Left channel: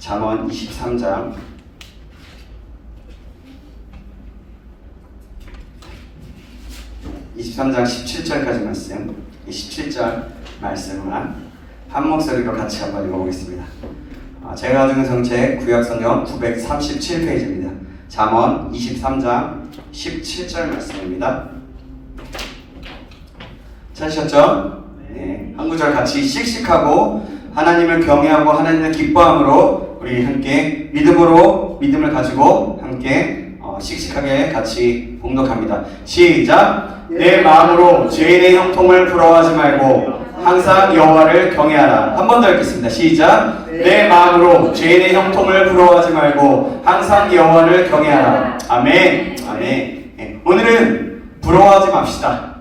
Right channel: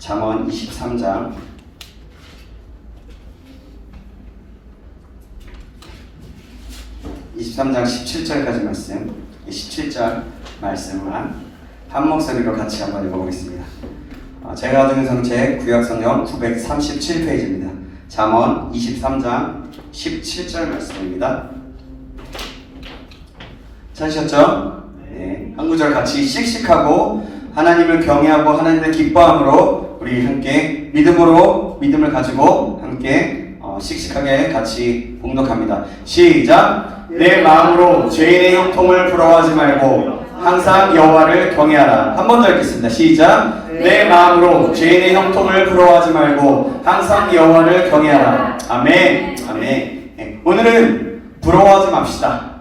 잠언 23장 17절까지 말씀, 17절 말씀만 한 목소리로 같이 한번 읽어보겠습니다. 제가 가진 성책 구약성경 937페이지입니다. 잠언 23장 17절 말씀입니다. 찾으셨죠? 네, 한 구절 같이 씩씩하고 하나님을 경외하고 하나님을 기뻐함으로 우리 함께 믿음을 가지고 함께 씩씩하게 같이 공독합니다. 시작! 내 마음으로 죄인의 형통을 부러워하지 말고 항상 여호와를 경외하라. 한 번 더 읽겠습니다. 시작! 내 마음으로 죄인의 형통을 부러워하지 말고 항상 여호와를 경외하라. 아멘. 아멘. 네, 오늘은 부러워하지 맙시다.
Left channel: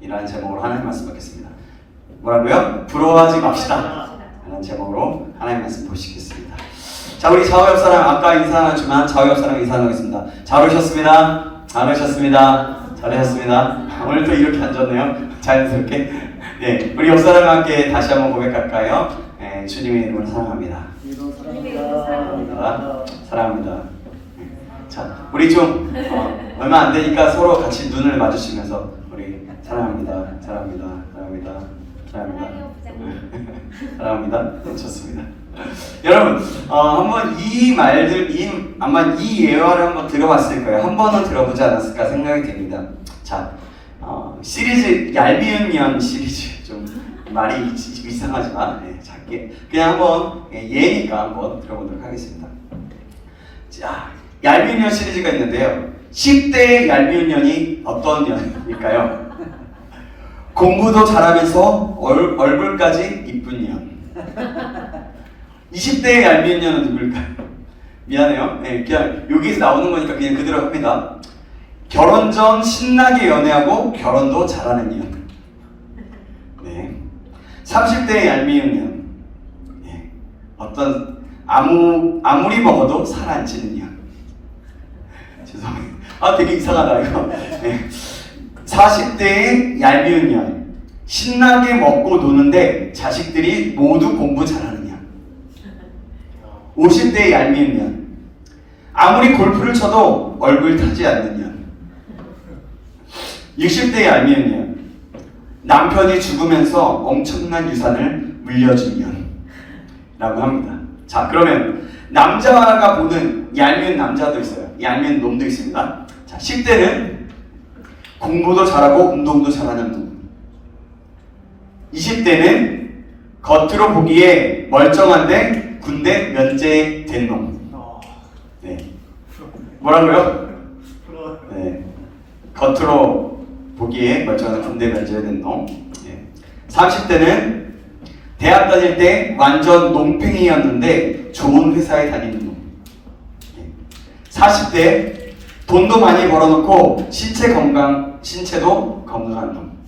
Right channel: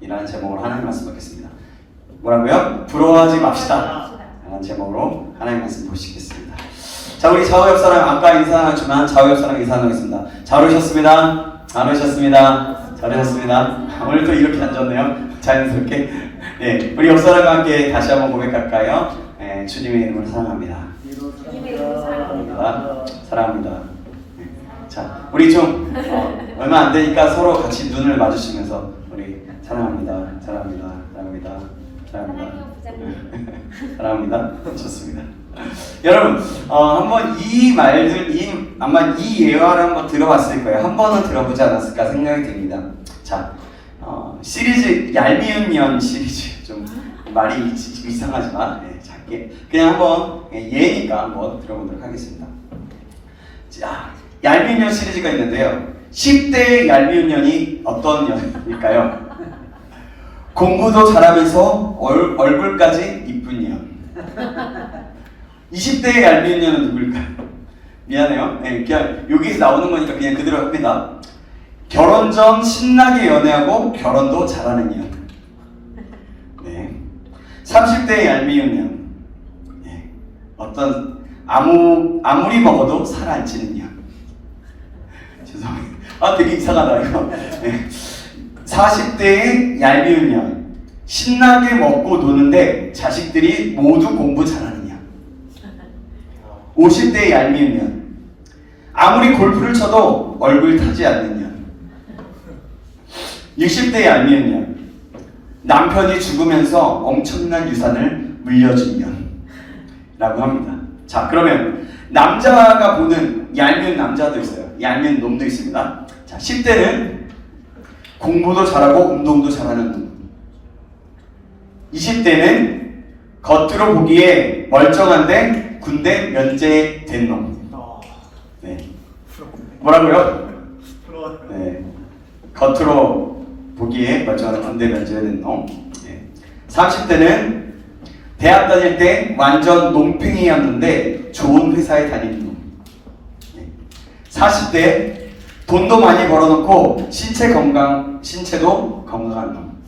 이라는 제목으로 하나님 말씀 받겠습니다. 뭐라고요? 부러워하지 맙시다. 라는 제목으로 하나님 말씀 보시겠습니다. 자, 우리 좌우 옆 사람 아까 인사 안 했지만 좌우 옆 사람 인사 나누겠습니다. 잘 오셨습니다. 잘 오셨습니다. 잘하셨습니다. 오늘도 이렇게 앉았네요. 자연스럽게. 네, 우리 옆 사람과 함께 다시 한번 고백할까요? 네, 주님의 이름으로 사랑합니다. 사랑합니다. 사랑합니다. 네. 자, 우리 좀 얼마 안 되니까 서로 같이 눈을 마주치면서 우리 사랑합니다. 사랑합니다. 사랑합니다. 사랑합니다. 사랑합니다. 좋습니다. 여러분, 한번 이 말들, 아마 이 예화를 한번 들어봤을 거예요. 한 번은 들어보지 않았을까 생각이 됩니다. 자, 시리즈 얄미운 년 시리즈 좀 말이 이상하지만 작게 그냥 한번 예니까 한번 들어보도록 하겠습니다. 자, 얄미운 년 시리즈가 있는데요. 10대의 얄미운 년이 어떤 년일까요? 공부도 잘하면서 얼굴까지 이쁜 년. 20대의 얄미운 년은 누굴까요? 미안해요. 네, 그냥 여기서 나오는 거니까 그냥 그대로 합니다. 결혼 전 신나게 연애하고 결혼도 잘하는 년. 네. 30대의 얄미운 년. 네. 어떤 아무리 먹어도 살 안 찌는 년. 죄송해요. 되게 이상하다 이거. 네. 40대의 얄미운 년. 신나게 먹고 노는데 자식들이 모두 공부 잘하는 년. 50대의 얄미운 년. 아무리 골프를 쳐도 얼굴 타지 않는 년. 60대의 얄미운 년. 남편이 죽으면서 엄청난 유산을 물려준 년. 라고 합니다. 자, 그러면 남자가 보는 얄미운 남자도 있어요. 얄미운 놈도 있습니다. 자, 10대는 공부도 잘하고 운동도 잘하는 분. 20대는 겉으로 보기에 멀쩡한데 군대 면제된 놈. 네. 뭐라고요? 네. 겉으로 보기에 멀쩡한 군대 면제된 놈. 네. 30대는 대학 다닐 때 완전 논팽이였는데 좋은 회사에 다니는 놈. 네. 40대 돈도 많이 벌어놓고 신체도 건강한 놈.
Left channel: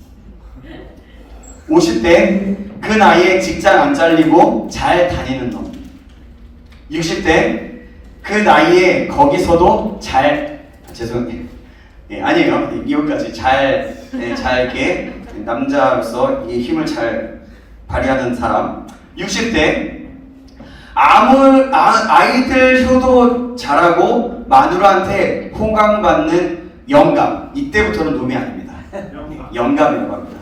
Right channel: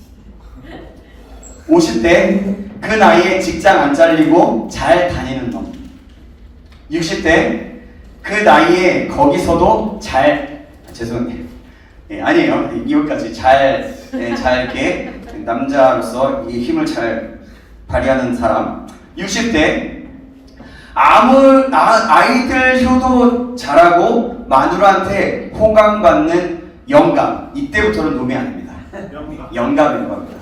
50대 그 나이에 직장 안 잘리고 잘 다니는 놈. 60대 그 나이에 거기서도 죄송해요. 아니에요. 이것까지 잘 이렇게 남자로서 이 힘을 잘 발휘하는 사람. 60대 아이들 효도 잘하고 마누라한테 호감받는 영감. 이때부터는 놈이 아닙니다. 영감이라고 합니다.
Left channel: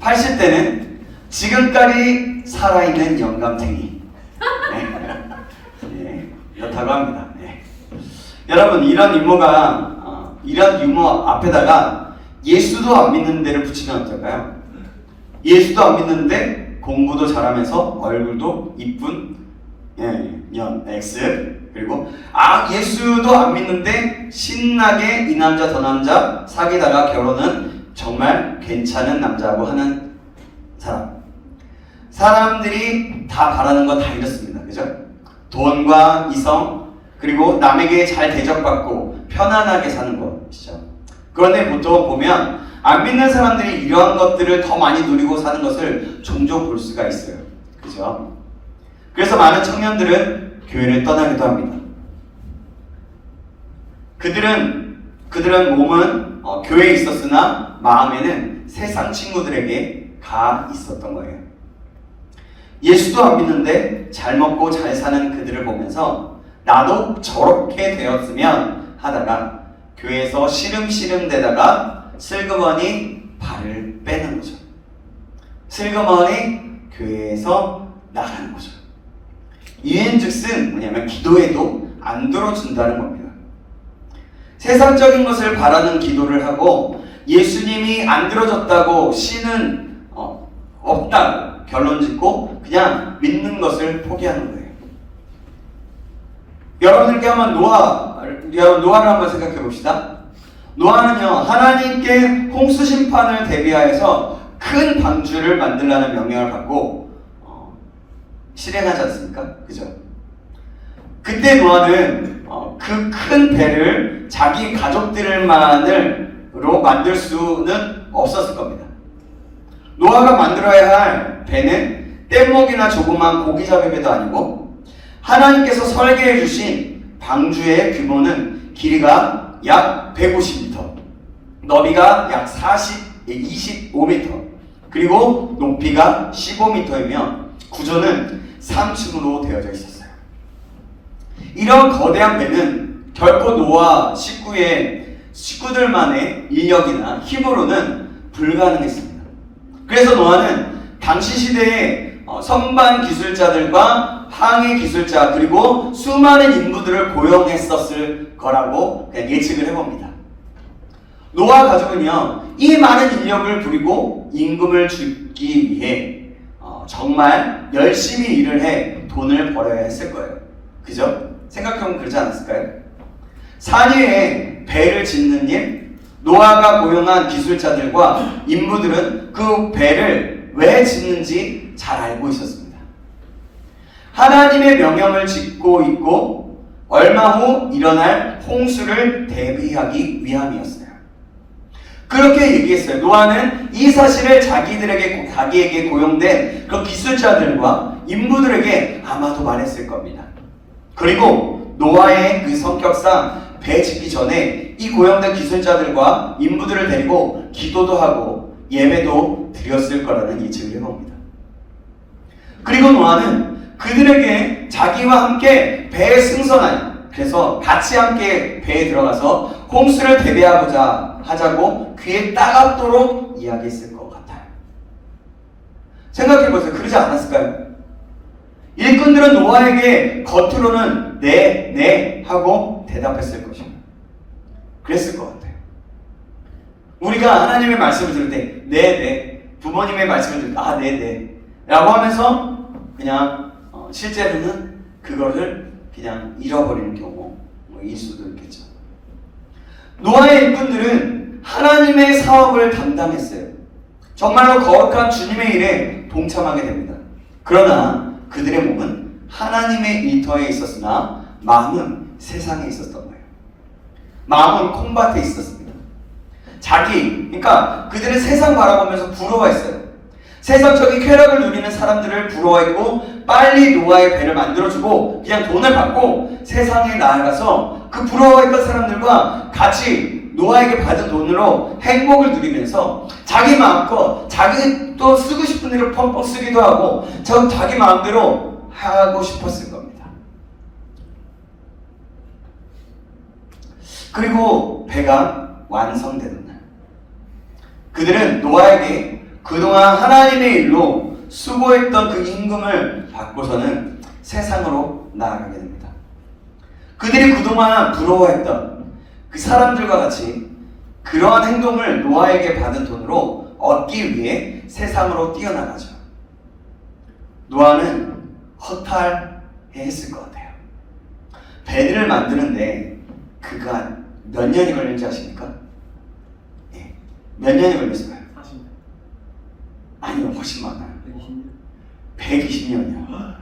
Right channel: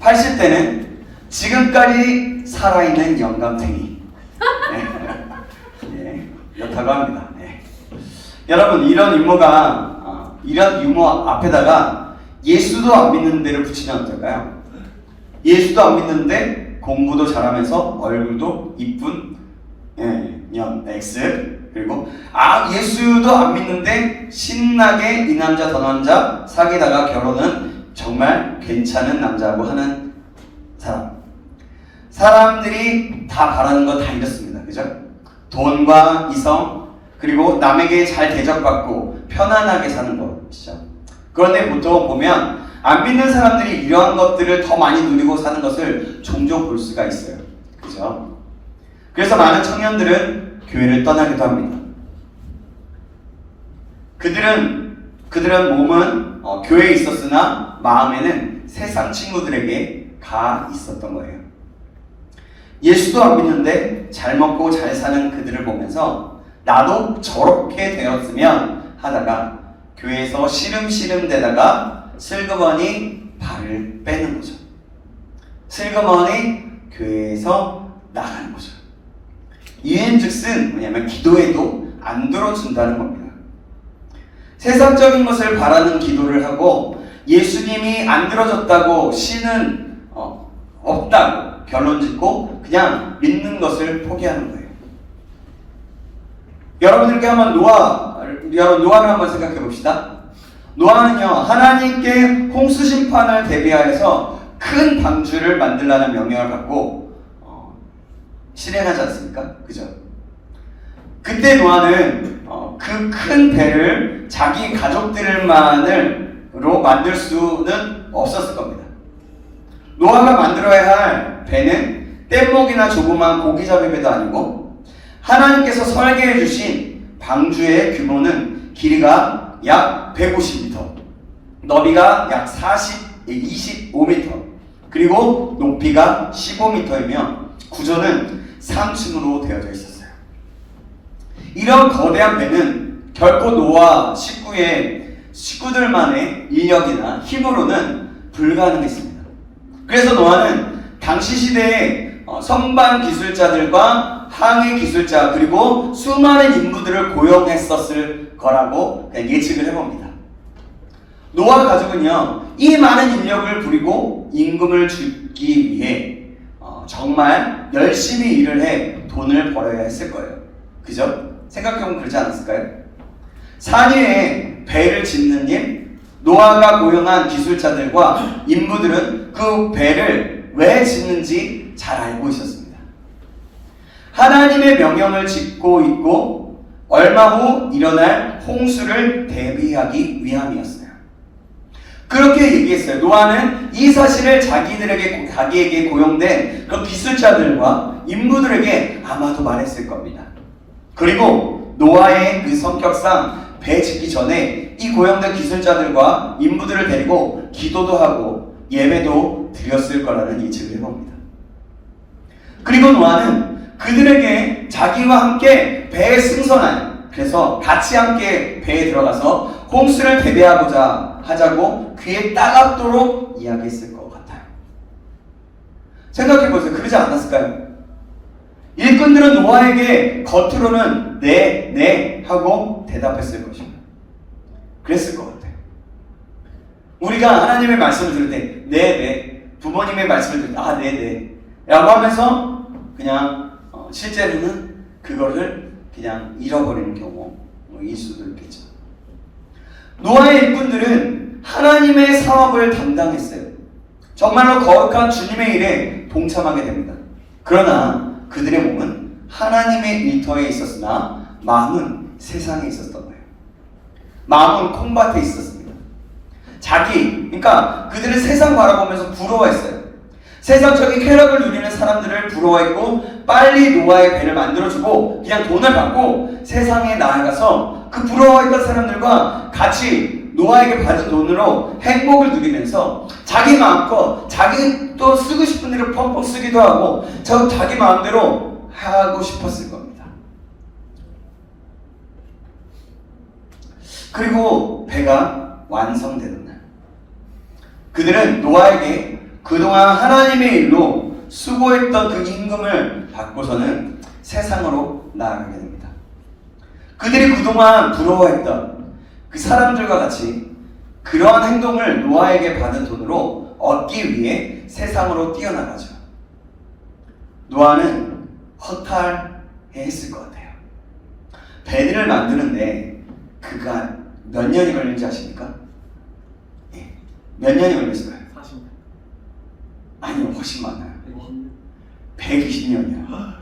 80대는 지금까지 살아있는 영감탱이. 네, 이렇다고 합니다. 네. 여러분, 이런 유머 앞에다가 예수도 안 믿는 데를 붙이면 어떨까요? 예수도 안 믿는데 공부도 잘하면서 얼굴도 이쁜 년 X. 그리고 예수도 안 믿는데 신나게 이 남자 저 남자 사귀다가 결혼은 정말 괜찮은 남자고 하는 사람. 사람들이 다 바라는 거 다 이렇습니다. 그죠? 돈과 이성, 그리고 남에게 잘 대접받고 편안하게 사는 것이죠. 그런데 보통 보면 안 믿는 사람들이 이러한 것들을 더 많이 누리고 사는 것을 종종 볼 수가 있어요. 그죠? 그래서 많은 청년들은 교회를 떠나기도 합니다. 그들은 몸은 교회에 있었으나 마음에는 세상 친구들에게 가 있었던 거예요. 예수도 안 믿는데 잘 먹고 잘 사는 그들을 보면서 나도 저렇게 되었으면 하다가 교회에서 시름시름 대다가 슬그머니 발을 빼는 거죠. 슬그머니 교회에서 나가는 거죠. 이인즉슨 뭐냐면 기도해도 안 들어준다는 겁니다. 세상적인 것을 바라는 기도를 하고 예수님이 안 들어줬다고 신은 없다고 결론 짓고 그냥 믿는 것을 포기하는 거예요. 여러분들께 한번 노아를 한번 생각해 봅시다. 노아는요, 하나님께 홍수 심판을 대비하여서 큰 방주를 만들라는 명령을 받고 실행하지 않습니까? 그죠? 그때 노아는 그 큰 배를 자기 가족들만으로 만들 수는 없었을 겁니다. 노아가 만들어야 할 배는 뗏목이나 조그만 고기잡이 배도 아니고 하나님께서 설계해 주신 방주의 규모는 길이가 약 150m, 너비가 약 25m, 그리고 높이가 15m이며 구조는 3층으로 되어져 있었어요. 이런 거대한 배는 결코 노아 식구들만의 인력이나 힘으로는 불가능했습니다. 그래서 노아는 당시 시대의 선반 기술자들과 항해 기술자 그리고 수많은 인부들을 고용했었을 거라고 그냥 예측을 해봅니다. 노아 가족은요, 이 많은 인력을 부리고 임금을 주기 위해 정말 열심히 일을 해 돈을 벌어야 했을 거예요. 그죠? 생각해보면 그렇지 않았을까요? 산 위에 배를 짓는 일, 노아가 고용한 기술자들과 인부들은 그 배를 왜 짓는지 잘 알고 있었습니다. 하나님의 명령을 짓고 있고 얼마 후 일어날 홍수를 대비하기 위함이었어요. 그렇게 얘기했어요. 노아는 이 사실을 자기에게 고용된 그 기술자들과 인부들에게 아마도 말했을 겁니다. 그리고 노아의 그 성격상 배 짓기 전에 이 고용된 기술자들과 인부들을 데리고 기도도 하고 예배도 드렸을 거라는 예측을 해봅니다. 그리고 노아는 그들에게 자기와 함께 배에 승선하여 그래서 같이 함께 배에 들어가서 홍수를 대비하고자 하자고 귀에 따갑도록 이야기했을 것 같아요. 생각해보세요. 그러지 않았을까요? 일꾼들은 노아에게 겉으로는 네 하고 대답했을 것입니다. 그랬을 것 같아요. 우리가 하나님의 말씀을 들을 때 네, 부모님의 말씀을 들을 때 네 라고 하면서 그냥 실제로는 그거를 그냥 잃어버리는 경우일 수도 있겠죠. 노아의 일꾼들은 하나님의 사업을 담당했어요. 정말로 거룩한 주님의 일에 동참하게 됩니다. 그러나 그들의 몸은 하나님의 일터에 있었으나 마음은 세상에 있었던 거예요. 마음은 콩밭에 있었습니다. 그러니까 그들은 세상 바라보면서 부러워했어요. 세상적인 쾌락을 누리는 사람들을 부러워했고 빨리 노아의 배를 만들어주고 그냥 돈을 받고 세상에 나아가서 그 부러워했던 사람들과 같이 노아에게 받은 돈으로 행복을 누리면서 자기 마음껏 자기 또 쓰고 싶은 대로 펑펑 쓰기도 하고 자기 마음대로 하고 싶었을 겁니다. 그리고 배가 완성되는 날 그들은 노아에게 그동안 하나님의 일로 수고했던 그 임금을 받고서는 세상으로 나아가게 됩니다. 그들이 그동안 부러워했던 그 사람들과 같이 그러한 행동을 노아에게 받은 돈으로 얻기 위해 세상으로 뛰어나가죠. 노아는 허탈해했을 것 같아요. 배를 만드는데 그가 몇 년이 걸렸는지 아십니까? 예. 몇 년이 걸렸을까요? 40년. 아니요, 훨씬 많아요. 120년이요.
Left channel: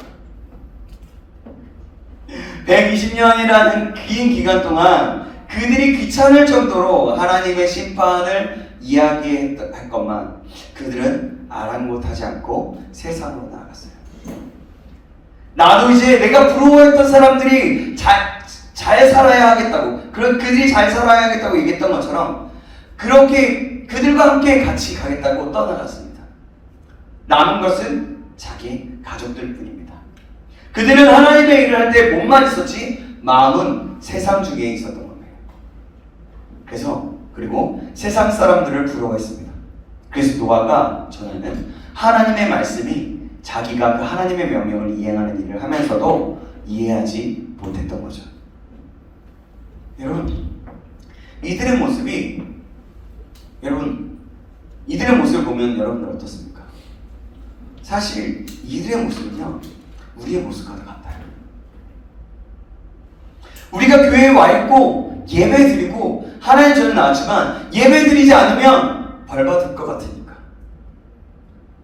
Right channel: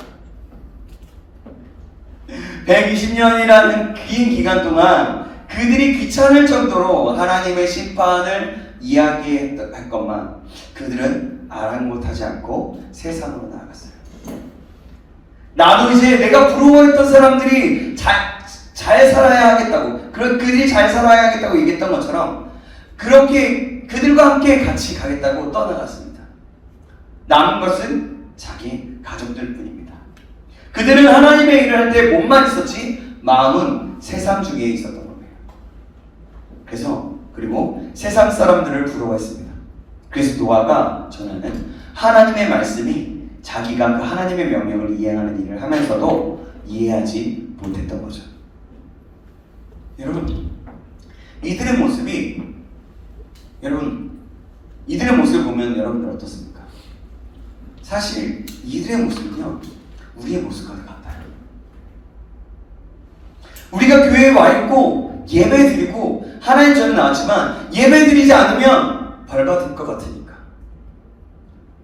120년이라는 긴 기간 동안 그들이 귀찮을 정도로 하나님의 심판을 이야기할 것만 그들은 아랑곳하지 않고 세상으로 나아갔어요. 나도 이제 내가 부러워했던 사람들이 잘 살아야 하겠다고, 그들이 잘 살아야 하겠다고 얘기했던 것처럼 그렇게 그들과 함께 같이 가겠다고 떠나갔습니다. 남은 것은 자기 가족들 뿐입니다. 그들은 하나님의 일을 할 때 몸만 있었지 마음은 세상 중에 있었던 겁니다. 그리고 세상 사람들을 부러워했습니다. 그래서 노아가 전하는 하나님의 말씀이 자기가 그 하나님의 명령을 이행하는 일을 하면서도 이해하지 못했던 거죠. 여러분, 이들의 모습을 보면 여러분들 어떻습니까? 사실 이들의 모습은요, 우리의 모습과 같아요. 우리가 교회에 와 있고 예배 드리고 하나님 저는 아지만 예배 드리지 않으면 벌 받을 것 같으니까.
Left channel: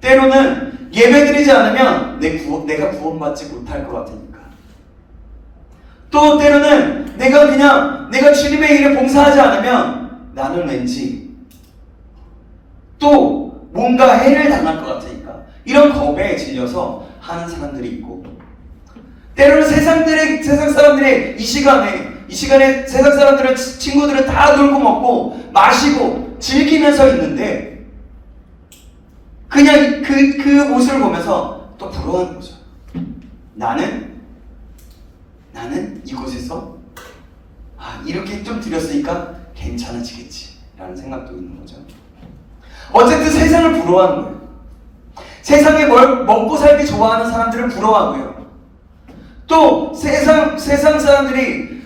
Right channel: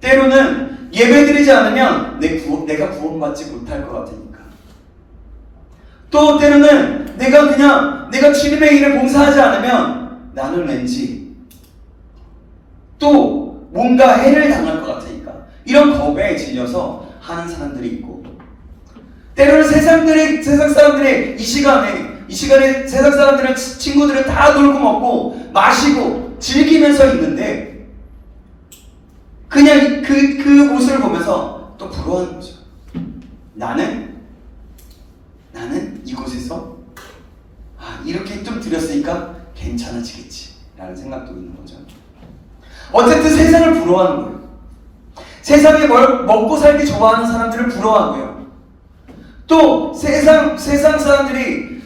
때로는 예배 드리지 않으면 내가 구원받지 못할 것 같으니까. 또 때로는 내가 주님의 일을 봉사하지 않으면 나는 왠지 또 뭔가 해를 당할 것 같으니까. 이런 겁에 질려서 하는 사람들이 있고, 때로는 세상 사람들의 이 시간에 세상 사람들의 친구들은 다 놀고 먹고 마시고 즐기면서 있는데 그냥 그 모습을 보면서 또 부러워하는 거죠. 나는 이곳에서 이렇게 좀 드렸으니까 괜찮아지겠지 라는 생각도 있는 거죠. 어쨌든 세상을 부러워하는 거예요. 세상에 먹고 살기 좋아하는 사람들을 부러워하고요. 또 세상 사람들이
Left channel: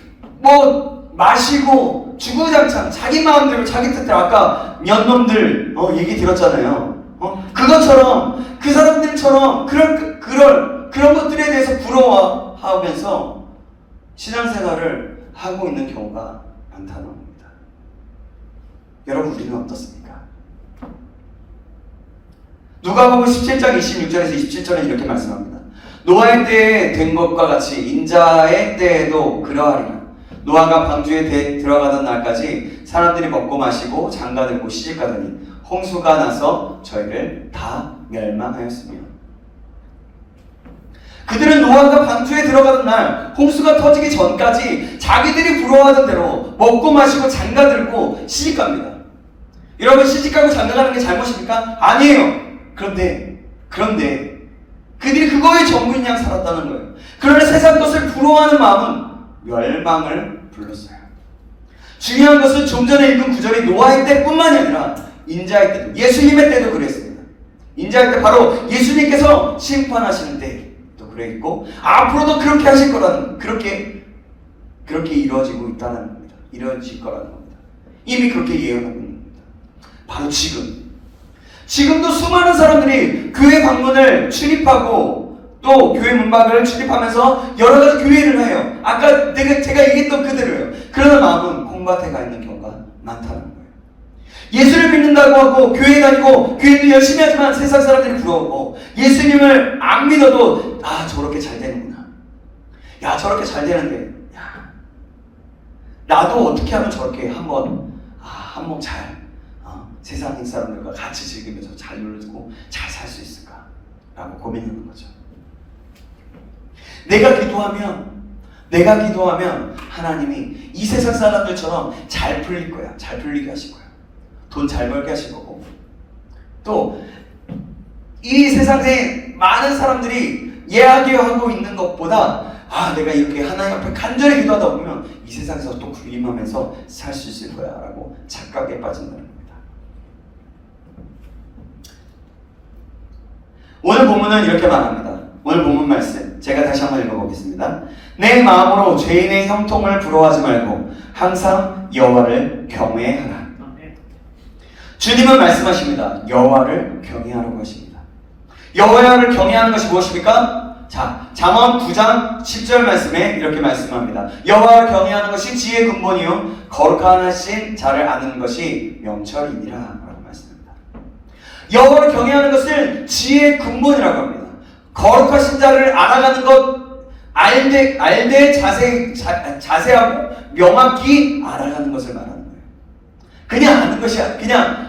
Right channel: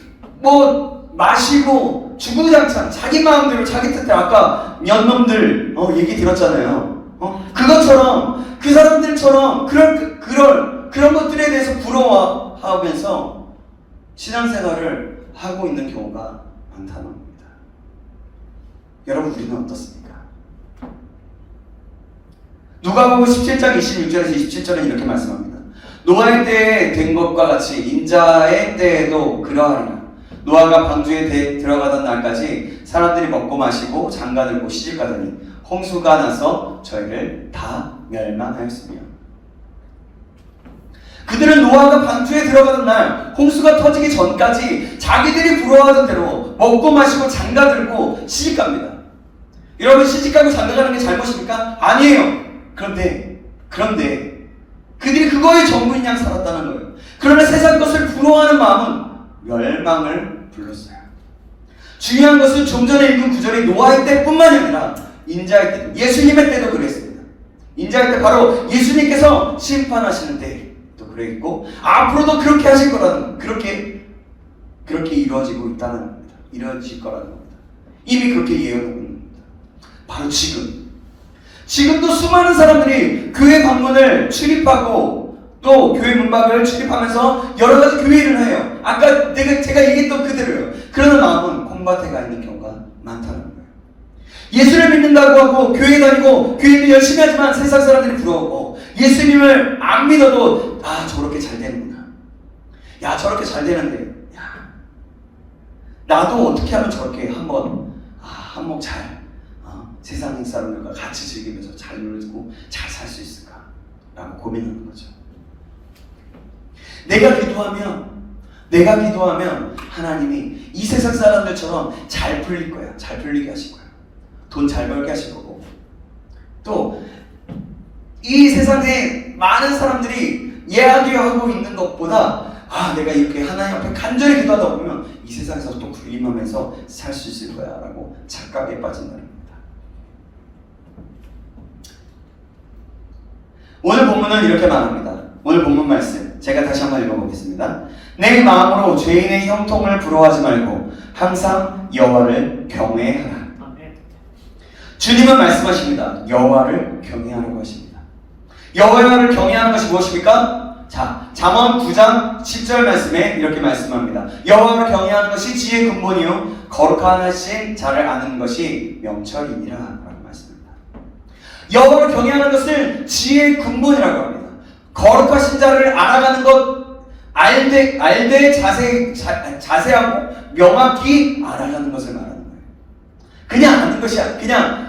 마시고 주구장창 자기 마음대로 자기 뜻대로 아까 년놈들 얘기 들었잖아요. 그것처럼 그 사람들처럼 그런 것들에 대해서 부러워하면서 신앙생활을 하고 있는 경우가 많다는 겁니다. 여러분, 우리는 어떻습니까? 누가복음 17장 26절에서 27절은 이렇게 말씀합니다. 노아의 때에 된 것과 같이 인자의 때에도 그러하리라. 노아가 방주에 들어가던 날까지 사람들이 먹고 마시고 장가들고 시집가더니 홍수가 나서 저희를 다 멸망하였으며, 그들은 노아가 방주에 들어가던 날 홍수가 터지기 전까지 자기들이 부러워하던 대로 먹고 마시고 장가들고 시집갑니다. 여러분, 시집가고 장가가는 게 잘못입니까? 아니에요. 그런데 그들이 그거에 전부인 양 살았다는 거예요. 그러나 세상 것을 부러워하는 마음은 멸망을 불렀어요. 중요한 것은 좀 전에 읽은 구절이 노아의 때뿐만이 아니라 인자의 때, 예수님의 때도 그랬습니다. 인자의 때 바로 예수님께서 심판하시는 때도 그랬고 앞으로도 그렇게 하실 거라는, 그렇게 이루어지고 있다는 겁니다. 이루어질 거라는 겁니다. 이미 그렇게 예언하고 있는 겁니다. 바로 지금도 수많은 사람들이 교회 방문을 출입하고 또 교회 문밖을 출입하면서 여러 가지 교회 일을 해요. 아까 제가 얘기했던 그대로예요. 그러나 마음은 콩밭에 가 있는 경우가 많다는 거예요. 예수를 믿는다고 하고 교회 다니고 교회도 열심히 하지만 세상 사람들이 부러워하고, 예수님을 안 믿어도 저렇게 잘 되는구나. 저렇게 잘 되는데 나도 어떻게 하면 저렇게 한번 잘 세상 사람들과 같이 즐기면서 잘 놀고 잘 살 수 있을까라고 고민하는 거죠. 내가 기도하면 하나님이 이 세상 사람들처럼 잘 풀릴 거야. 잘 풀리게 하실 거야. 돈 잘 벌게 하실 거고, 또 이 세상에 많은 사람들이 이야기하고 있는 것보다 내가 이렇게 하나님 앞에 간절히 기도하다 보면 이 세상에서 또 군림하면서 살 수 있을 거야 라고 착각에 빠진다는 겁니다. 오늘 본문은 이렇게 말합니다. 오늘 본문 말씀 제가 다시 한번 읽어보겠습니다. 내 마음으로 죄인의 형통을 부러워하지 말고 항상 여호와를 경외하라. 주님은 말씀하십니다. 여호와를 경외하라고 하십니다. 여호와를 경외하는 것이 무엇입니까? 잠언 9장 10절 말씀에 이렇게 말씀합니다. 여호와를 경외하는 것이 지혜의 근본이요 거룩하신 자를 아는 것이 명철이니라 라고 말씀합니다. 여호와를 경외하는 것을 지혜의 근본이라고 합니다. 거룩하신 자를 알아가는 것, 알되 자세하고 명확히 알아가는 것을 말하는 거예요. 그냥 아는 것이 아니라 그냥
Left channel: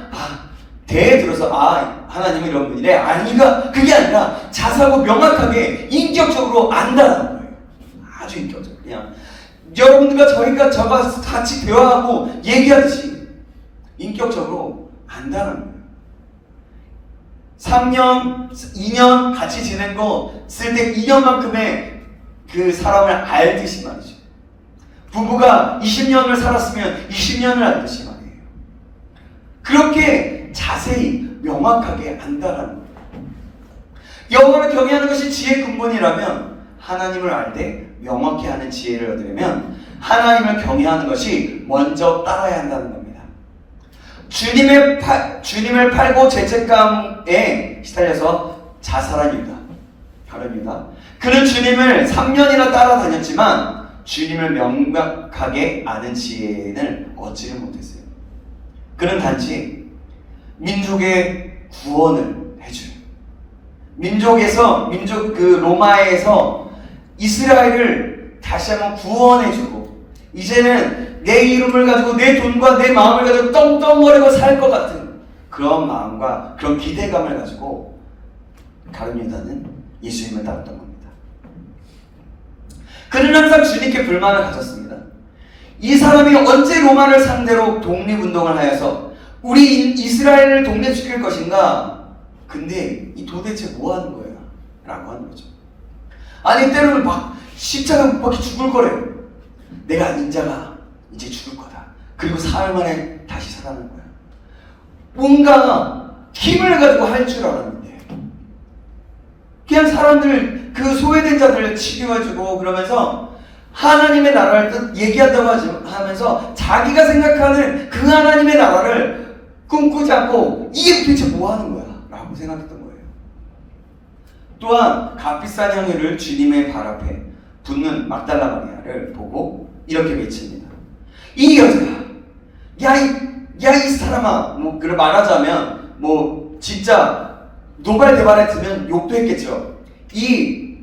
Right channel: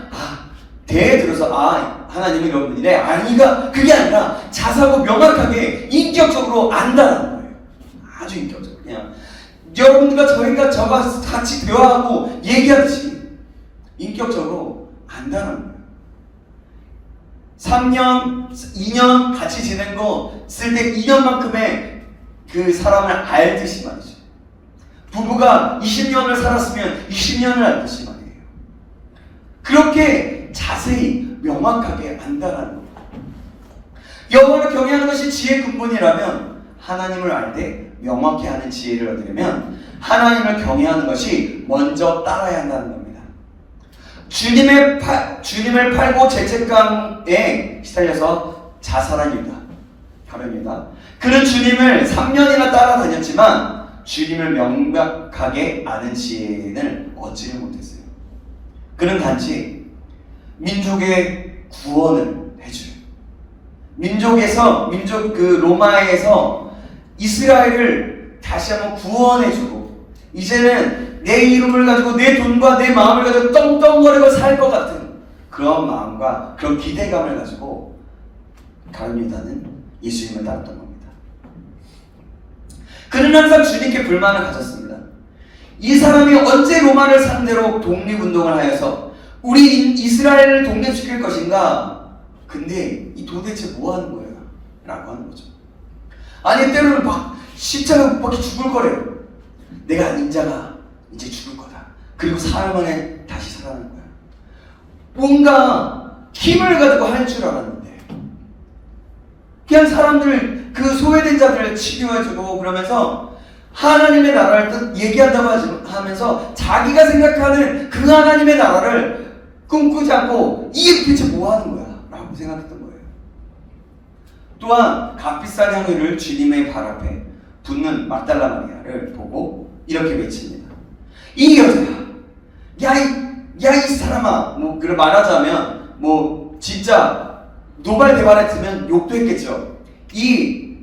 대에 들어서 하나님이 이런 분이래 아니가 그게 아니라 자세하고 명확하게 인격적으로 안다라는 거예요. 아주 인격적으로 그냥 여러분들과 저가 같이 대화하고 얘기하듯이 인격적으로 안다는 거예요. 3년, 2년 같이 지낸 거 쓸 때 2년만큼의 그 사람을 알듯이 말이죠. 부부가 20년을 살았으면 20년을 알듯이 말이에요. 그렇게 자세히 명확하게 안다라는 겁니다. 여호와를 경외하는 것이 지혜의 근본이라면 하나님을 알 때 명확히 아는 지혜를 얻으려면 하나님을 경외하는 것이 먼저 따라야 한다는 겁니다. 주님을 팔고 죄책감에 시달려서 자살한 유다. 다릅니다. 그는 주님을 3년이나 따라다녔지만 주님을 명확하게 아는 지혜를 얻지를 못했어요. 그는 단지 민족의 구원을 해줘요. 민족 로마에서 이스라엘을 다시 한번 구원해주고 이제는 내 이름을 가지고 내 돈과 내 마음을 가지고 떵떵거리고 살 것 같은 그런 마음과 그런 기대감을 가지고 다른 유다는 예수님을 따랐던 겁니다. 그는 항상 주님께 불만을 가졌습니다. 이 사람이 언제 로마를 상대로 독립운동을 하여서 우리 이스라엘을 독립시킬 것인가? 근데 이 도대체 뭐 하는 거예요? 라고 하는 거죠. 아니 때로는 막 십자가 못 박혀 죽을 거래요. 내가 인자가 이제 죽을 거다. 그리고 사흘 만에 다시 살아나는 거야. 뭔가 힘을 가지고 할 줄 알았는데 그냥 사람들 그 소외된 자들을 치료해주고 그러면서 하나님의 나라를 얘기한다고 하면서 자기가 생각하는 그 하나님의 나라를 꿈꾸지 않고 이게 도대체 뭐 하는 거야? 라고 생각했던 거예요. 또한 값비싼 향유를 주님의 발 앞에 붓는 막달라 마리아를 보고 이렇게 외칩니다. 이 여자야, 이 사람아, 뭐 그걸 말하자면 뭐 진짜 노발대발했으면 욕도 했겠죠. 이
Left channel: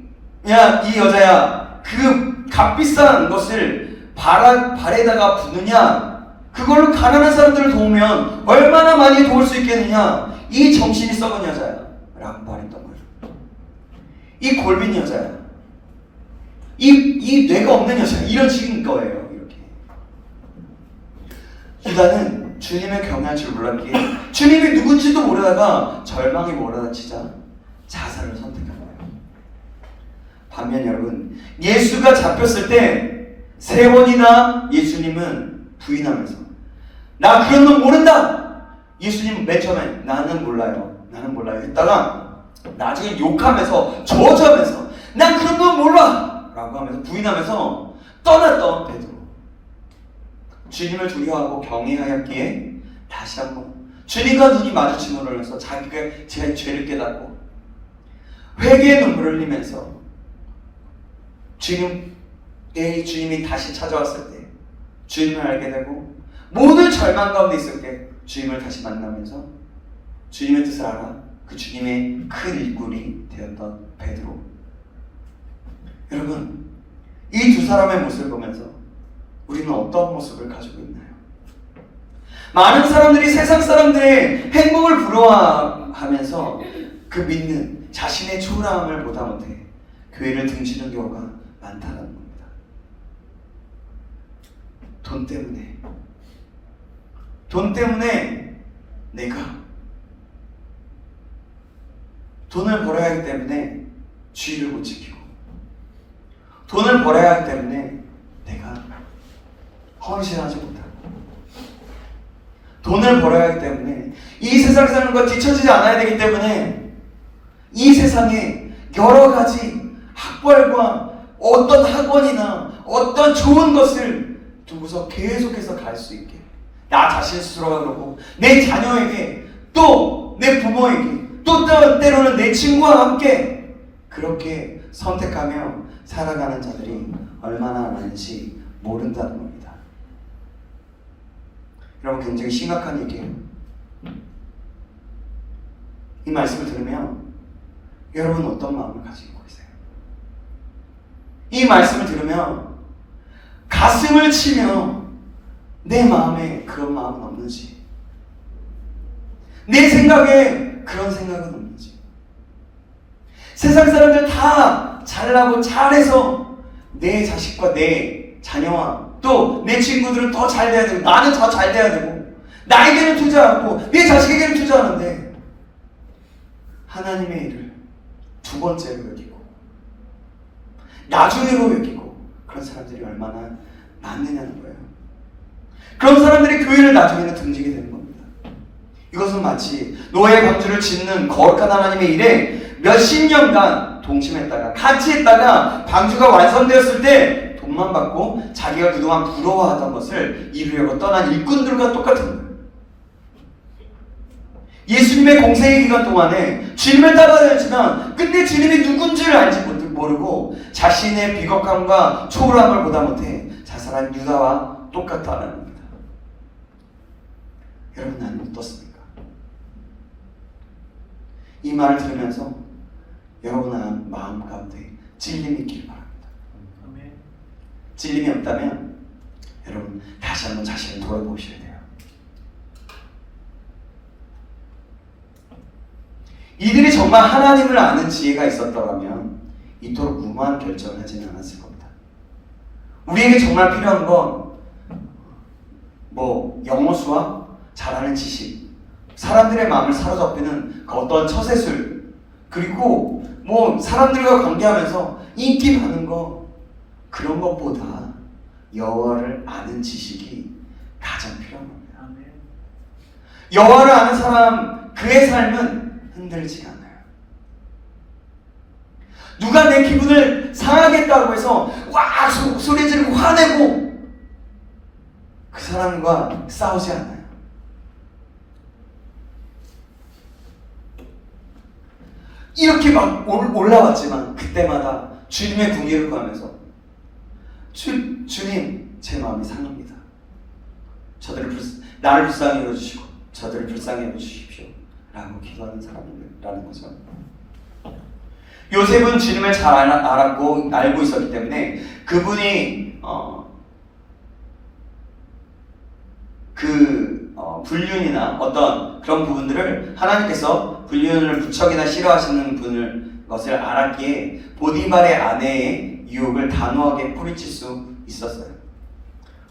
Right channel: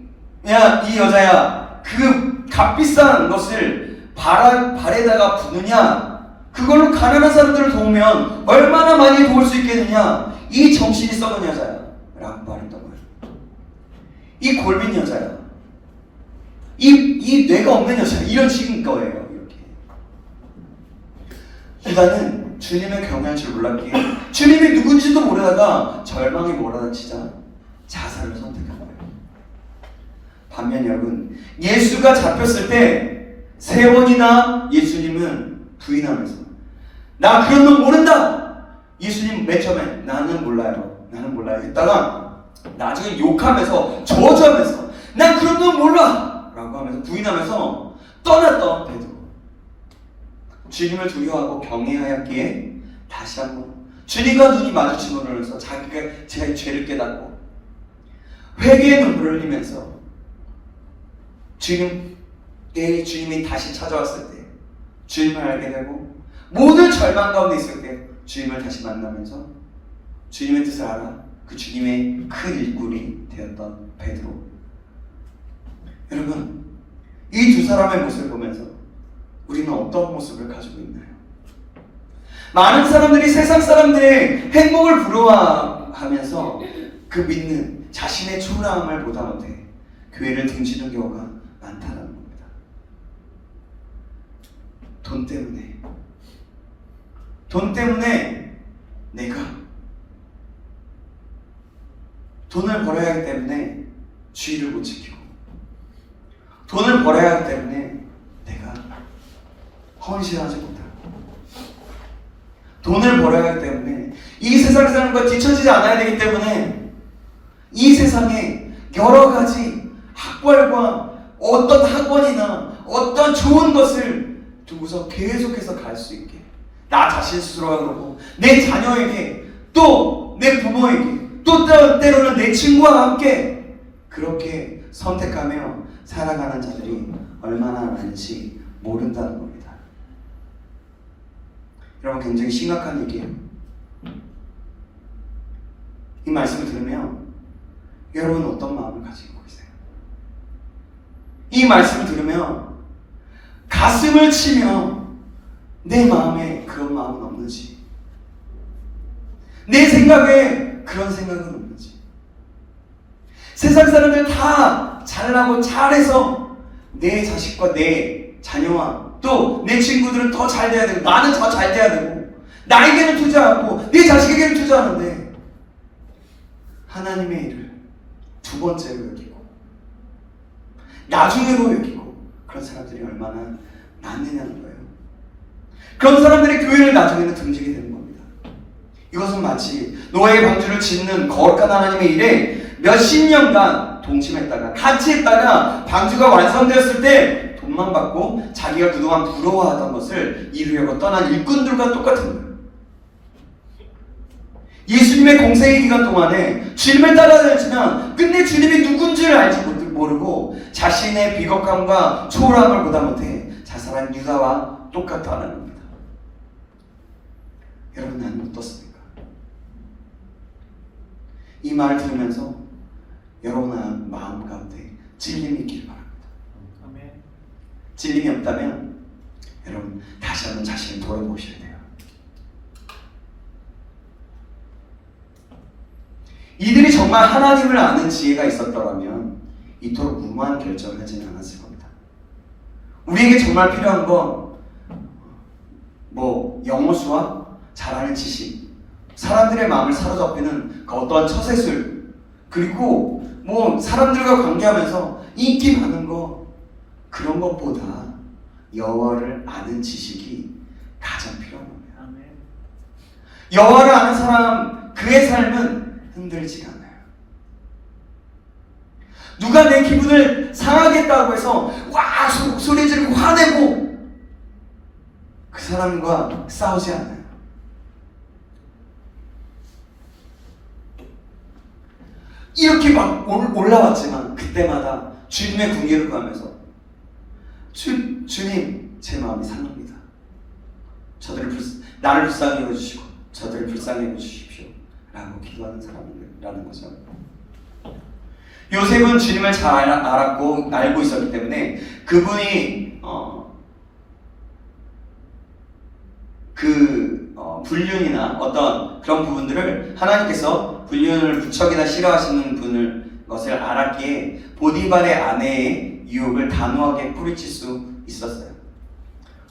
여자야, 그 값비싼 것을 발에다가 부느냐? 그걸로 가난한 사람들을 도우면 얼마나 많이 도울 수 있겠느냐? 이 정신이 썩은 여자야 라고 말했던 거예요. 이 골빈 여자야, 이 뇌가 없는 여자야, 이런 식인 거예요. 이렇게 유다는 주님을 경외할 줄 몰랐기에 주님이 누군지도 모르다가 절망에 몰아다치자 자살을 선택한 거예요. 반면 여러분, 예수가 잡혔을 때 3번이나 예수님은 부인하면서 나 그런 놈 모른다. 예수님 맨 처음에 나는 몰라요 했다가 나중에 욕하면서 저주하면서 난 그런 건 몰라 라고 하면서 부인하면서 떠났던 베드로. 주님을 두려워하고 경외하였기에 다시 한번 주님과 눈이 마주침으로 해서 자기가 제 죄를 깨닫고 회개의 눈물을 흘리면서 주님이 다시 찾아왔을 때 주님을 알게 되고 모든 절망 가운데 있을 때 주님을 다시 만나면서 주님의 뜻을 알아 그 주님의 큰 일꾼이 되었던 베드로. 여러분, 이 두 사람의 모습을 보면서 우리는 어떤 모습을 가지고 있나요? 많은 사람들이 세상 사람들의 행복을 부러워하면서 그 믿는 자신의 초라함을 보다 못해 교회를 등지는 경우가 많다는 겁니다. 돈 때문에 내가 돈을 벌어야 하기 때문에 주의를 못 지키고 돈을 벌어야 하기 때문에 내가 헌신하지 못하고 돈을 벌어야 하기 때문에 이 세상 사람과 뒤처지지 않아야 되기 때문에 이 세상에 여러 가지 학벌과 어떤 학원이나 어떤 좋은 것을 두고서 계속해서 갈 수 있게 나 자신 스스로가 그러고 내 자녀에게 또 내 부모에게 또 때로는 내 친구와 함께 그렇게 선택하며 살아가는 자들이 얼마나 많은지 모른다는 겁니다. 여러분, 굉장히 심각한 얘기예요. 이 말씀을 들으면 여러분 어떤 마음을 가지고 계세요? 이 말씀을 들으면 가슴을 치며 내 마음에 그런 마음은 없는지, 내 생각에 그런 생각은 없는지, 세상 사람들 다 잘나고 잘해서 내 자식과 내 자녀와 또 내 친구들은 더 잘 돼야 되고 나는 더 잘 돼야 되고 나에게는 투자하고 내 자식에게는 투자하는데 하나님의 일을 두 번째로 여기고 나중으로 여기고 그런 사람들이 얼마나 많느냐는 거예요. 그런 사람들이 교회를 나중에는 등지게 되는 겁니다. 이것은 마치 노아의 방주를 짓는 거룩한 하나님의 일에 몇십 년간 동침했다가 같이 했다가 방주가 완성되었을 때 돈만 받고 자기가 그동안 부러워하던 것을 이루려고 떠난 일꾼들과 똑같은 거예요. 예수님의 공생의 기간 동안에 주님을 따라다녔지만 끝내 주님이 누군지를 알지 모르고 자신의 비겁함과 초라함을 보다 못해 자살한 유다와 똑같다는 겁니다. 여러분, 나는 어떻습니까? 이 말을 들으면서 여러분 마음 가운데 찔림이 있길 바랍니다. 찔림이 없다면 여러분 다시 한번 자신을 돌아보셔야 돼요. 이들이 정말 하나님을 아는 지혜가 있었더라면 이토록 무모한 결정을 하지는 않았을 겁니다. 우리에게 정말 필요한 건 영어 수학, 잘하는 지식, 사람들의 마음을 사로잡히는 그 어떠한 처세술, 그리고 사람들과 관계하면서 인기 많은 거, 그런 것보다 여호와를 아는 지식이 가장 필요한 겁니다. 여호와를 아는 사람, 그의 삶은 흔들지 않아요. 누가 내 기분을 상하겠다고 해서 와 소리 지르고 화내고 그 사람과 싸우지 않아요. 이렇게 막 올라왔지만 그때마다 주님의 궁예를 구하면서 주님, 제 마음이 상합니다. 나를 불쌍히 여주시고 저들을 불쌍히 여주십시오 라고 기도하는 사람이라는 거죠. 요셉은 주님을 잘 알고 있었기 때문에 그분이 불륜이나 어떤 그런 부분들을 하나님께서 불륜을 무척이나 싫어하시는 것을 알았기에 보디발의 아내의 유혹을 단호하게 뿌리칠 수 있었어요.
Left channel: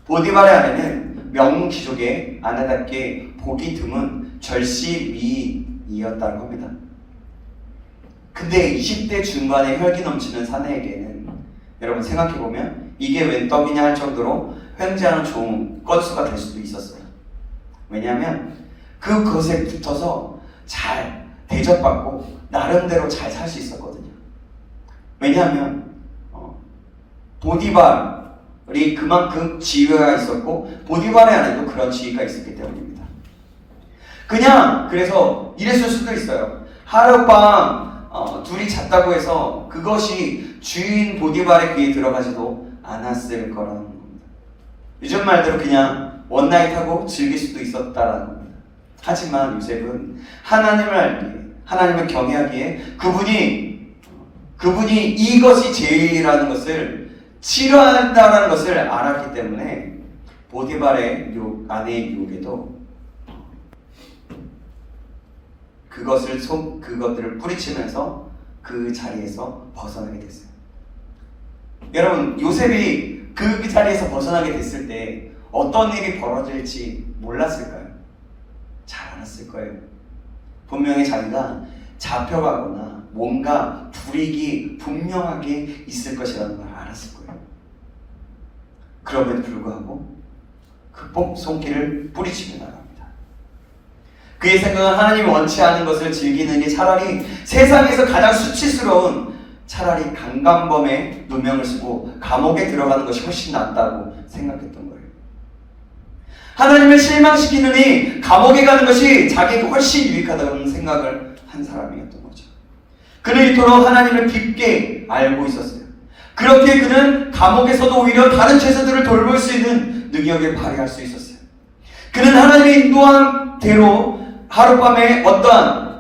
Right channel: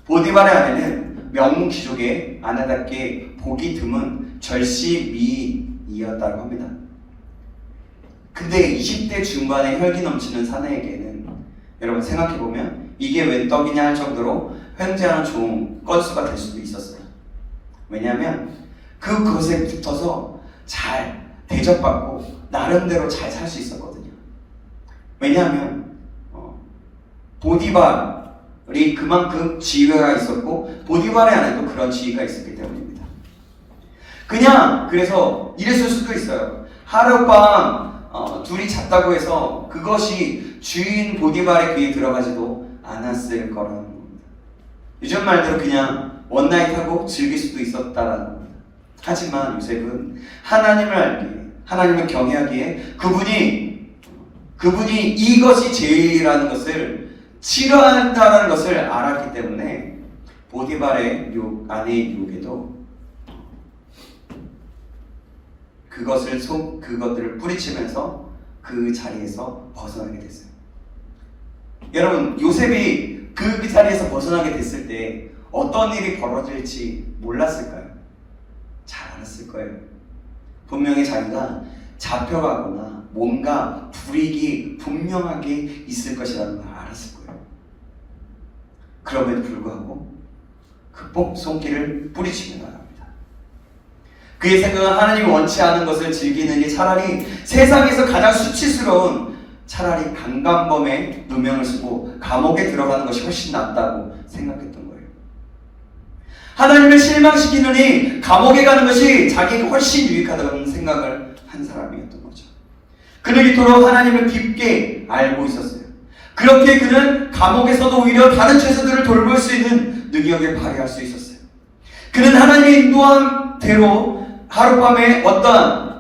보디발의 아내는 명문 귀족의 아내답게 보기 드문 절시미이였다고 합니다. 근데 20대 중반의 혈기 넘치는 사내에게는 여러분 생각해보면 이게 웬 떡이냐 할 정도로 횡재하는 좋은 건수가 될 수도 있었어요. 왜냐하면 그것에 붙어서 잘 대접받고 나름대로 잘 살 수 있었거든요. 왜냐하면 보디발이 그만큼 지위가 있었고 보디발의 안에도 그런 지위가 있었기 때문입니다. 그래서 이랬을 수도 있어요. 하룻밤 둘이 잤다고 해서 그것이 주인 보디발의 귀에 들어가지도 않았을 거라는 겁니다. 요즘 말대로 그냥 원나잇하고 즐길 수도 있었다라는 겁니다. 하지만 요셉은 하나님을 알기에, 하나님을 경외하기에 그분이 이것이 죄라는 것을 싫어한다는 것을 알았기 때문에 보디발의 아내의 유혹에도 그것들을 뿌리치면서 그 자리에서 벗어나게 됐어요. 여러분, 요셉이 그 자리에서 벗어나게 됐을 때 어떤 일이 벌어질지 몰랐을까요? 잘 알았을 거예요. 분명히 자기가 잡혀가거나 뭔가 불이익이 분명하게 있을 것이라는 걸 알았을 거예요. 그럼에도 불구하고 극복 손길을 뿌리치고 나갑니다. 그의 생각은 하나님이 원치 않은 것을 즐기느니 차라리 세상에서 가장 수치스러운 차라리 강간범의 누명을 쓰고 감옥에 들어가는 것이 훨씬 낫다고 생각했던 거예요. 하나님을 실망시키느니 감옥에 가는 것이 자기에게 훨씬 유익하다는 생각을 한 사람이었던 거죠. 그는 이토록 하나님을 깊게 알고 있었어요. 그렇게 그는 감옥에서도 오히려 다른 죄수들을 돌볼 수 있는 능력을 발휘할 수 있었어요. 그는 하나님의 인도한 대로 하룻밤에 어떠한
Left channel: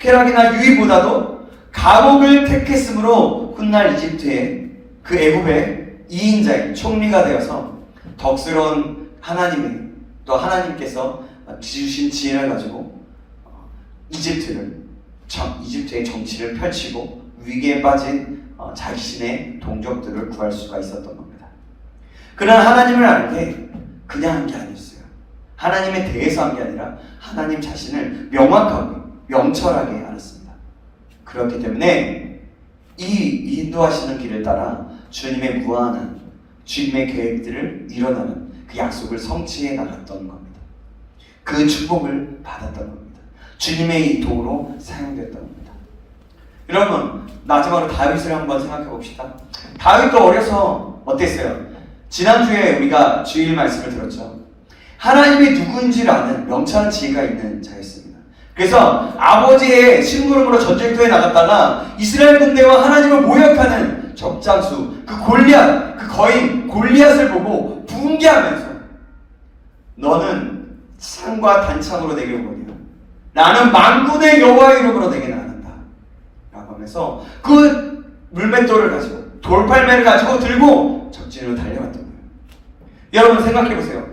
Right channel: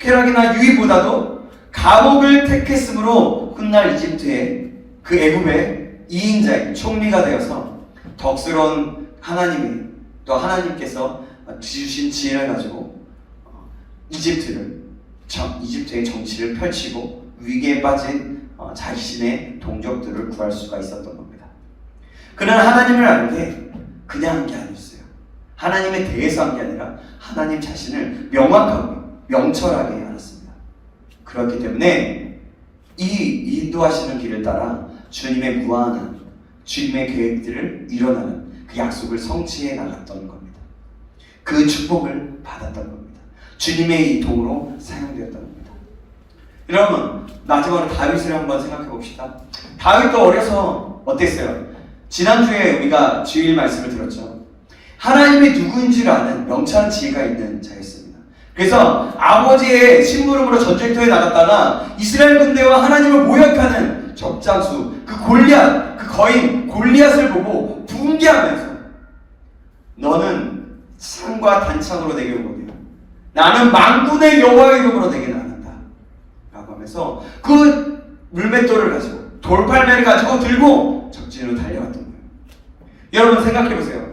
쾌락이나 유익보다도 감옥을 택했으므로 훗날 이집트의 그 애굽의 2인자인 총리가 되어서 덕스러운 하나님이 또 하나님께서 주신 지혜를 가지고 이집트의 정치를 펼치고 위기에 빠진 자신의 동족들을 구할 수가 있었던 겁니다. 그는 하나님을 알 때 그냥 한 게 아니었어요. 하나님에 대해서 한 게 아니라 하나님 자신을 명확하고 명철하게 알았습니다. 그렇기 때문에 이 인도하시는 길을 따라 주님의 무한한 주님의 계획들을 이뤄나는 그 약속을 성취해 나갔던 겁니다. 그 축복을 받았던 겁니다. 주님의 이 도로 사용되었던 겁니다. 여러분, 마지막으로 다윗을 한번 생각해 봅시다. 다윗도 어려서 어땠어요? 지난주에 우리가 주일 말씀을 들었죠. 하나님이 누구인지를 아는 명철한 지혜가 있는 자였습니다. 그래서 아버지의 심부름으로 전쟁터에 나갔다가 이스라엘 군대와 하나님을 모욕하는 적장수, 그 골리앗, 그 거인 골리앗을 보고 붕괴하면서 너는 창과 단창으로 내게 오거니와 나는 만군의 여호와의 이름으로 내게 나간다 라고 하면서 그 물맷돌을 가지고 돌팔매를 가지고 들고 적진으로 달려갔던 거예요. 여러분 생각해보세요.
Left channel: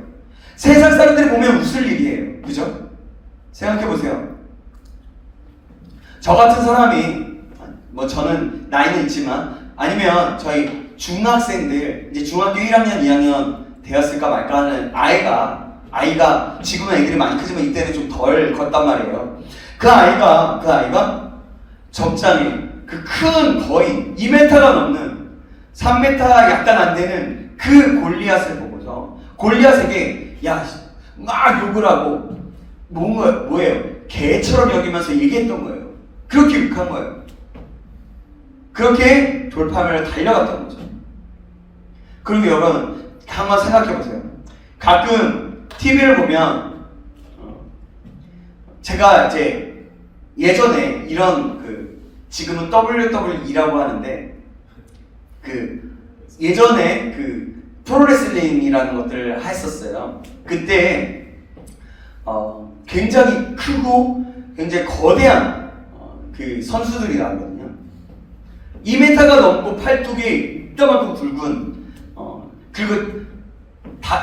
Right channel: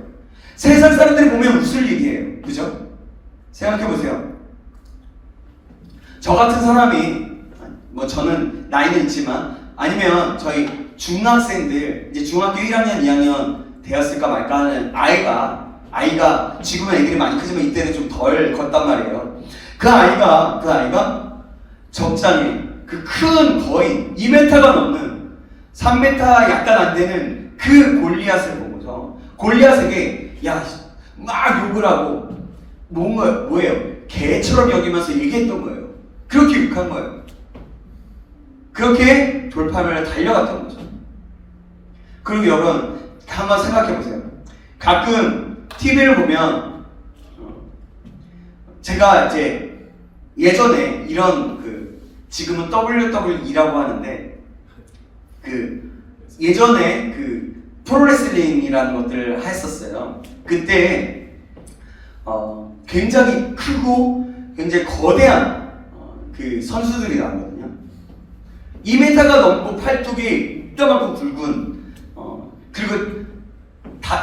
세상 사람들이 보면 웃을 일이에요. 그죠? 생각해보세요. 저 같은 사람이 뭐 저는 나이는 있지만 아니면 저희 중학생들 이제 중학교 1학년 2학년 되었을까 말까 하는 아이가 지금은 애들이 많이 크지만 이때는 좀 덜 컸단 말이에요. 그 아이가 적장에 그 큰 거의 2m가 넘는 3m 약간 안 되는 그 골리앗을 보고서 골리앗에게 막 욕을 하고 뭐예요? 개처럼 여기면서 얘기했던 거예요. 그렇게 욕한 거예요. 그렇게 돌파하며 달려갔던 거죠. 그리고 여러분 한번 생각해 보세요. 가끔 TV를 보면 제가 이제 예전에 이런 지금은 WWE라고 하는데 예전에 프로레슬링이라는 것들을 했었어요. 그때 굉장히 크고 굉장히 거대한 그 선수들이 나오거든요. 2m가 넘고 팔뚝이 이따만큼 굵은 그리고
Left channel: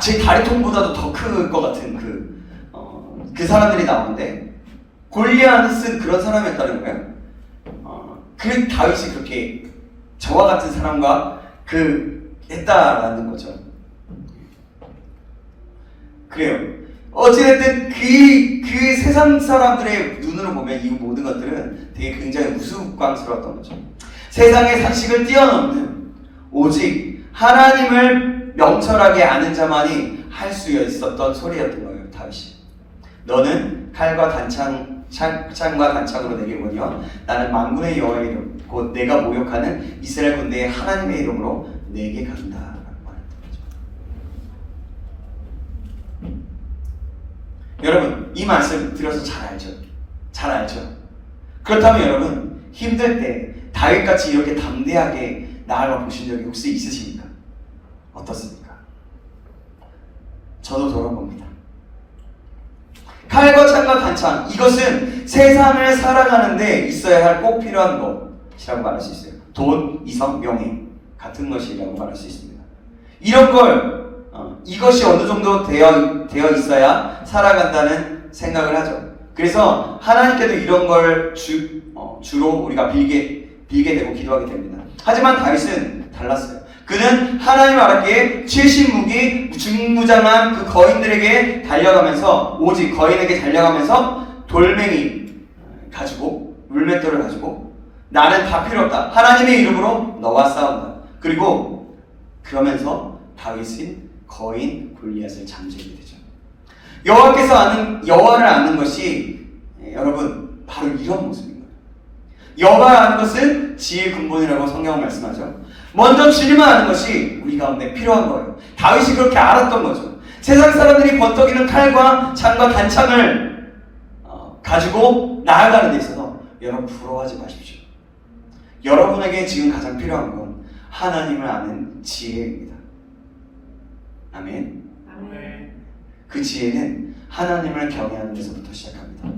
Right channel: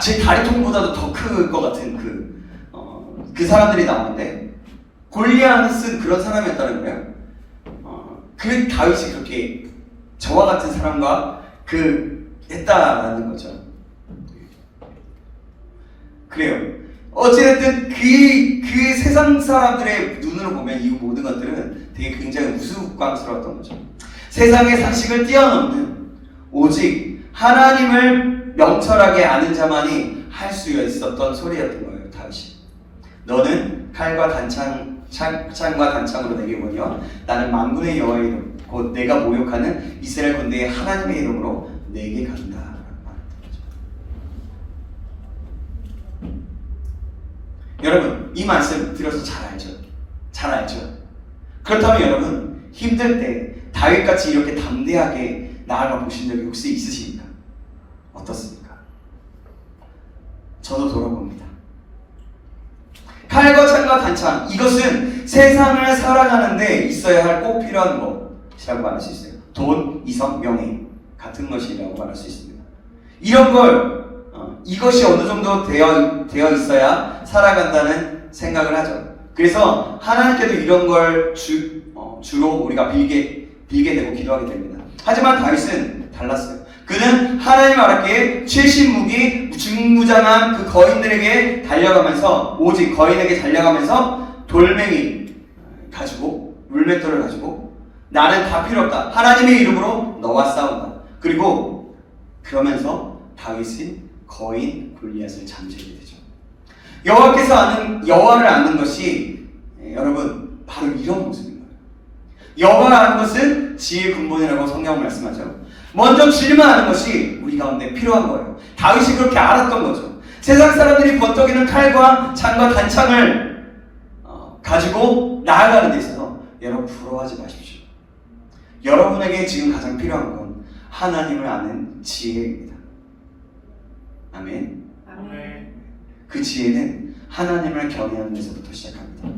제 다리통보다도 더 클 것 같은 그 사람들이 나오는데 골리앗은 그런 사람이었다는 거예요. 그 다윗이 그렇게 저와 같은 사람과 했다라는 거죠. 그래요. 어찌됐든 그 세상 사람들의 눈으로 보면 이 모든 것들은 되게 굉장히 우스꽝스러웠던 거죠. 세상의 상식을 뛰어넘는 오직 하나님을 명철하게 아는 자만이 할 수 있었던 소리였던 거예요. 다윗이 너는 칼과 창과 단창으로 내게 오거니와 나는 만군의 여호와의 이름 곧 내가 모욕하는 이스라엘 군대의 하나님의 이름으로 내게 간다 라고 말했던 거죠. 여러분 이 말씀 들어서 잘 알죠? 그렇다면 여러분 힘들 때 다윗같이 이렇게 담대하게 나아가 보신 적이 혹시 있으십니까? 어떻습니까? 저도 돌아봅니다. 칼과 창과 단창 이것은 세상을 살아가는데 있어야 할 꼭 필요한 것이라고 말할 수 있어요. 돈, 이성, 명예 같은 것이라고 말할 수 있습니다. 이런 걸 이것이 어느 정도 되어 있어야 살아간다는 생각을 하죠. 그래서 하나님께도 이런 걸 주로 우리가 빌게 되고 기도하게 됩니다. 하지만 다윗은 달랐어요. 그는 하나님 알았기에 최신 무기 중무장한 그 거인들에게 달려가면서 오직 거인에게 달려가면서 돌멩이 가지고 물맷돌을 가지고 나는 다 필요 없다. 하나님의 이름으로 너와 싸운다. 그리고 그러면서 다윗은 거인 골리앗을 잠재우게 되죠. 여호와를 아는 것이 여러분 바로 이런 모습입니다. 여호와 아는 것은 지혜의 근본이라고 성경은 말씀하죠. 먼저 주님만 아는 것이 우리 가운데 필요한 거예요. 다윗이 그렇게 알았던 거죠. 세상 사람들이 번쩍이는 칼과 창과 단창을 가지고 나아가는 데 있어서 여러분 부러워하지 마십시오. 여러분에게 지금 가장 필요한 건 하나님을 아는 지혜입니다. 아멘. 그 지혜는 하나님을 경외하는 데서부터 시작합니다.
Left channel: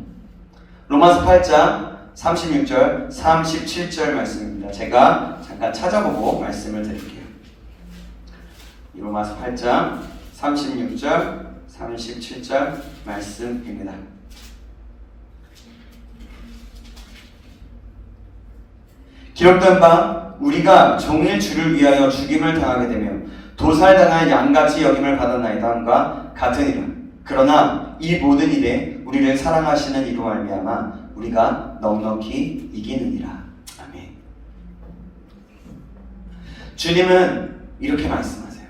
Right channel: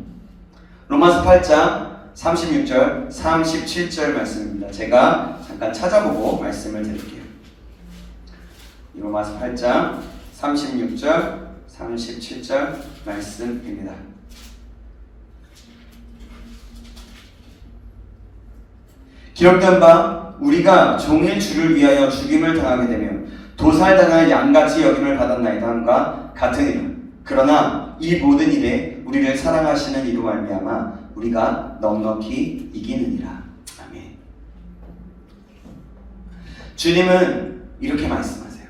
로마서 8장 36절, 37절 말씀입니다. 제가 잠깐 찾아보고 말씀을 드릴게요. 로마서 8장 36절, 37절 말씀입니다. 기록된 바 우리가 종일 주를 위하여 죽임을 당하게 되며 도살당할 양같이 여김을 받았나이다 함과 같으니라. 그러나 이 모든 일에 우리를 사랑하시는 이로 말미암아 우리가 내가 넉넉히 이기느니라. 아멘. 주님은 이렇게 말씀하세요.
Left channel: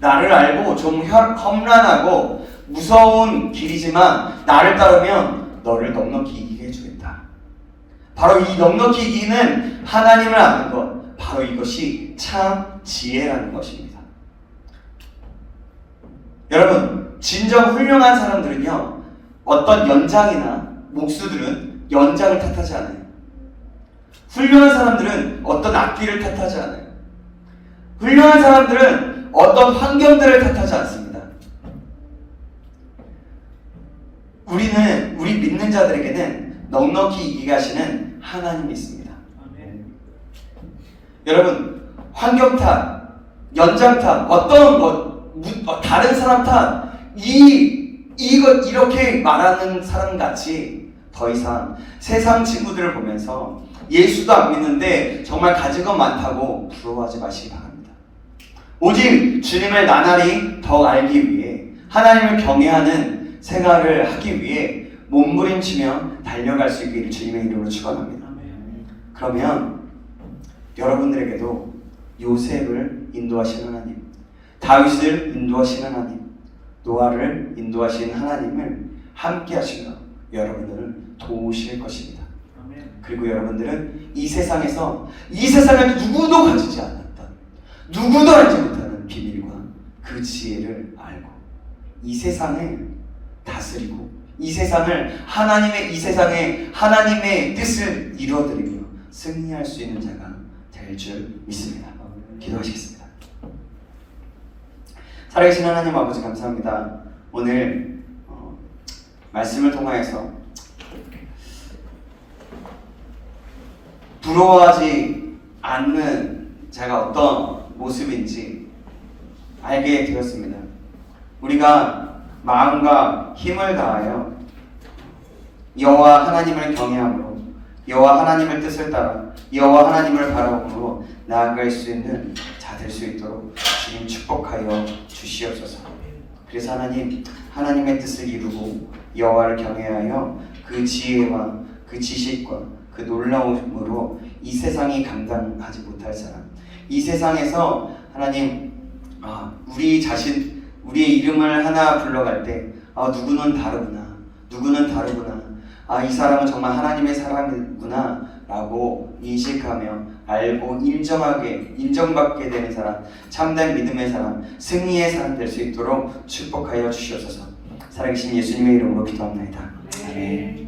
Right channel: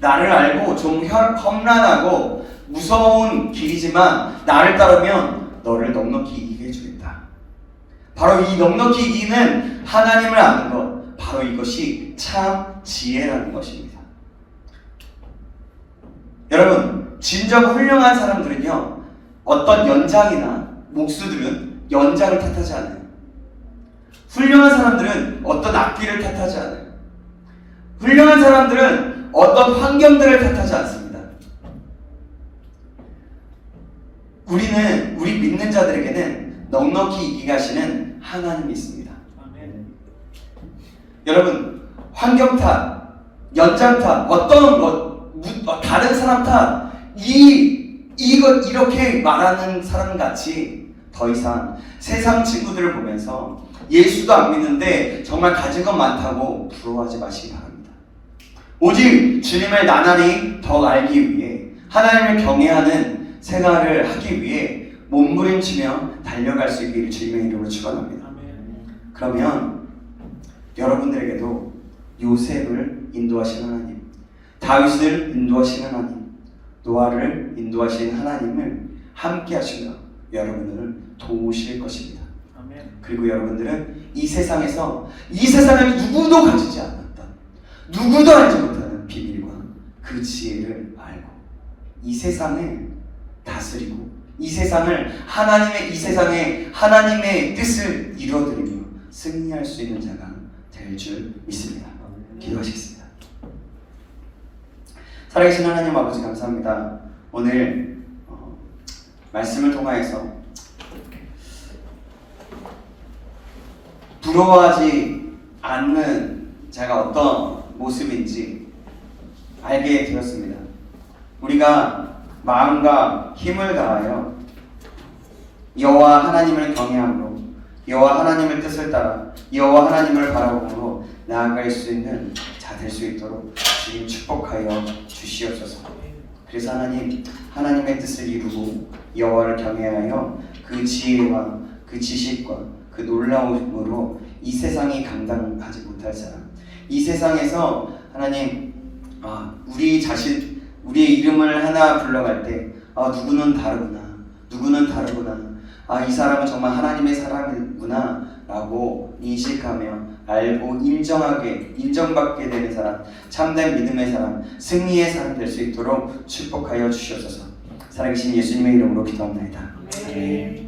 나를 알고 좀 험난하고 무서운 길이지만 나를 따르면 너를 넉넉히 이기게 해주겠다. 바로 이 넉넉히 이기는 하나님을 아는 것, 바로 이것이 참 지혜라는 것입니다. 여러분, 진정 훌륭한 사람들은요, 어떤 연장이나 목수들은 연장을 탓하지 않아요. 훌륭한 사람들은 어떤 악기를 탓하지 않아요. 훌륭한 사람들은 어떤 환경들을 탓하지 않습니다. 우리 믿는 자들에게는 넉넉히 이기게 하시는 하나님이 있습니다. 여러분, 환경 탓, 연장 탓, 다른 사람 탓, 이렇게 말하는 사람 같이 더 이상 세상 친구들을 보면서 예수도 안 믿는데 정말 가진 것 많다고 부러워하지 마시기 바랍니다. 오직 주님을 나날이 더 알기 위해 하나님을 경외하는 생활을 하기 위해 몸부림치며 달려갈 수 있기를 주님의 이름으로 축원합니다. 그러면 여러분들에게도 요셉을 인도하신 하나님, 다윗을 인도하신 하나님, 노아를 인도하신 하나님을 함께 하시며 여러분들을 도우실 것입니다. 그리고 여러분들은 이 세상에서 이 세상을 누구도 가지지 않았던, 누구도 알지 못하는 비밀과 그 지혜를 알고 이 세상을 다스리고 이 세상에 하나님의 뜻을 이루어드리며 승리할 수 있는 자가 될 줄 믿습니다. 기도하시겠습니다. 살아계신 하나님 아버지 감사합니다. 오늘 말씀을 통하여서 부러워하지 않는 자가 어떤 모습인지 알게 되었습니다. 우리가 마음과 힘을 다하여 여호와 하나님을 경외함으로 여호와 하나님의 뜻을 따라 여호와 하나님을 바라보므로 나아갈 수 있는 자 될 수 있도록 주님 축복하여 주시옵소서. 그래서 하나님의 뜻을 이루고 여호와를 경외하여 그 지혜와 그 지식과 그 놀라움으로 이 세상이 감당하지 못할 사람, 이 세상에서 하나님 우리의 이름을 하나 불러갈 때 누구는 다르구나, 이 사람은 정말 하나님의 사람이구나 라고 인식하며 알고 인정받게 되는 사람, 참된 믿음의 사람, 승리의 사람 될 수 있도록 축복하여 주시옵소서. 살아계신 예수님의 이름으로 기도합니다. 아멘.